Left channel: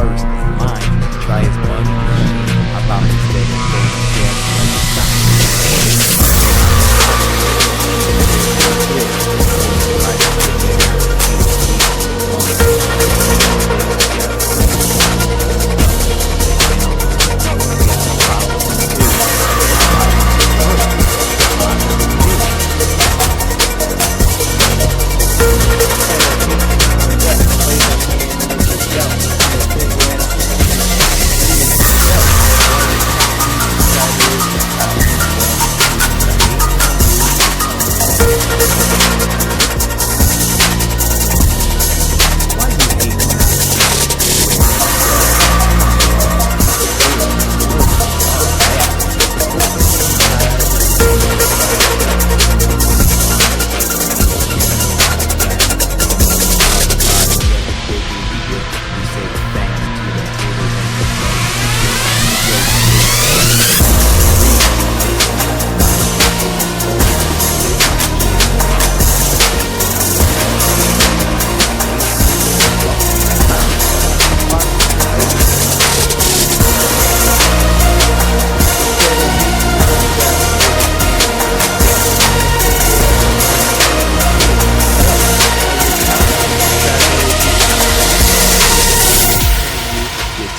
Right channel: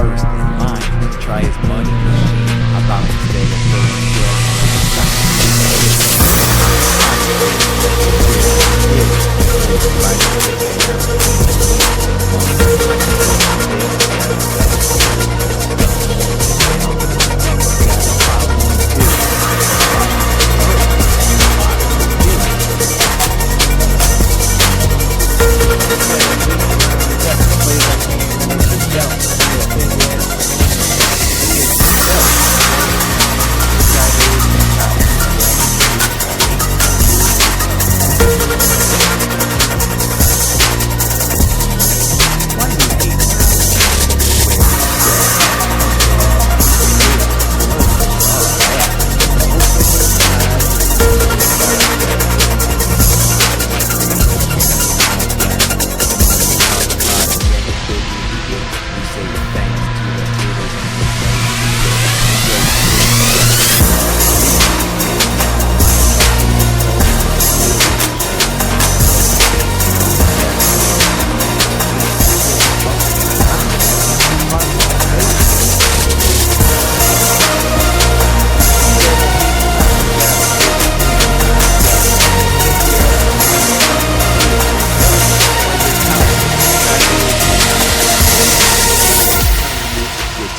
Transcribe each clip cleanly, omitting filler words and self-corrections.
first in line to try his money machine. About instead of throwing jabs like a sock.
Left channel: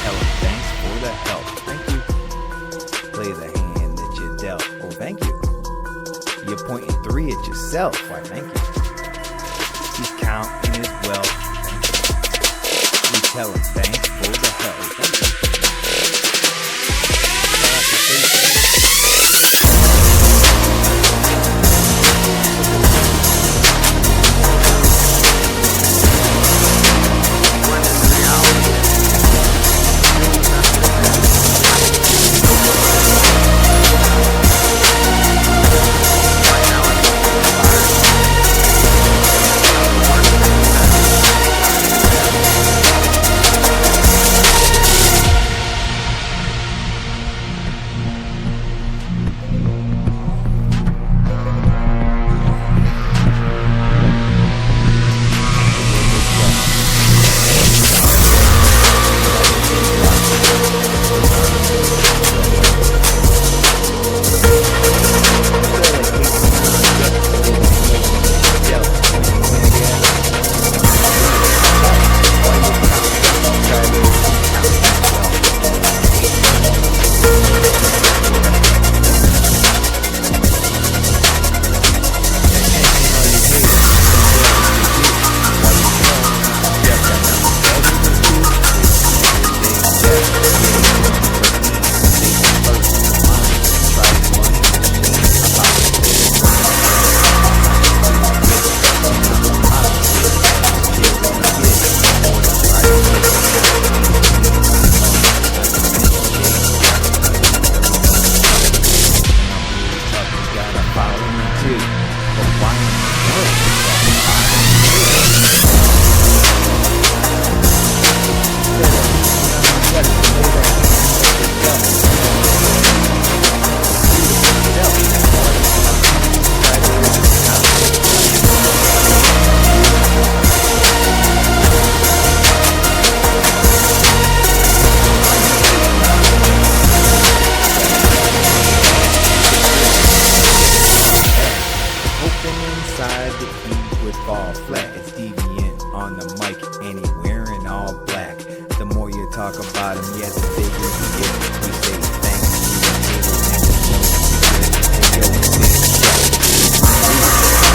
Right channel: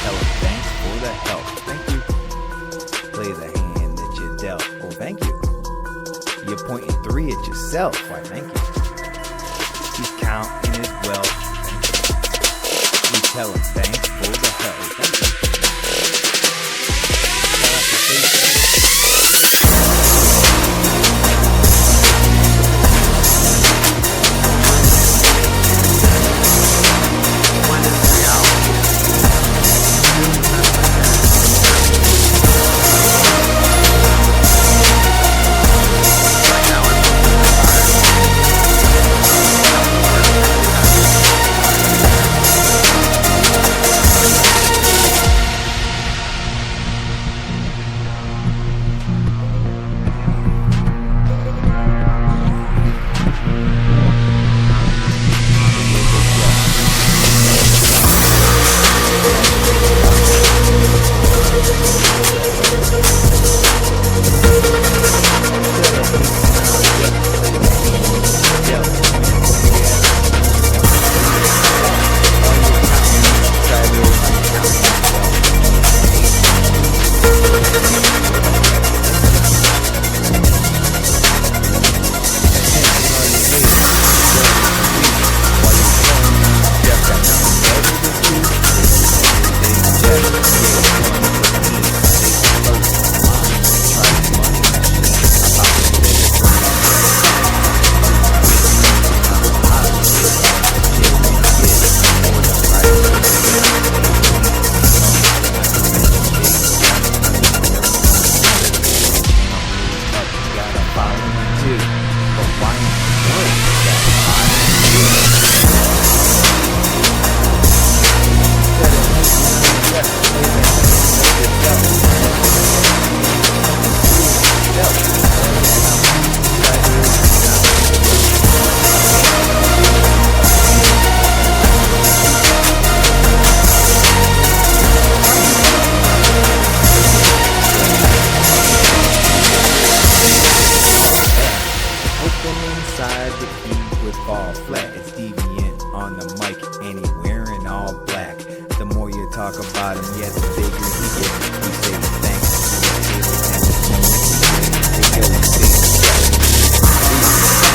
Tell him thanks for the help. Thank you. Play the hand that you dealt. Oh, thank you. You're pointing 3 at yourself. Why, thank you. He's counting his wealth. Thank you. You tell him thanks for the help. Oh, thank you. Inside the heat would fall flat. It's deviant on the mic and he wearing all black. The more you talk about him, yeah, the bigger he gets. We say thanks to the haters and the no secret. Hey yo, big jack.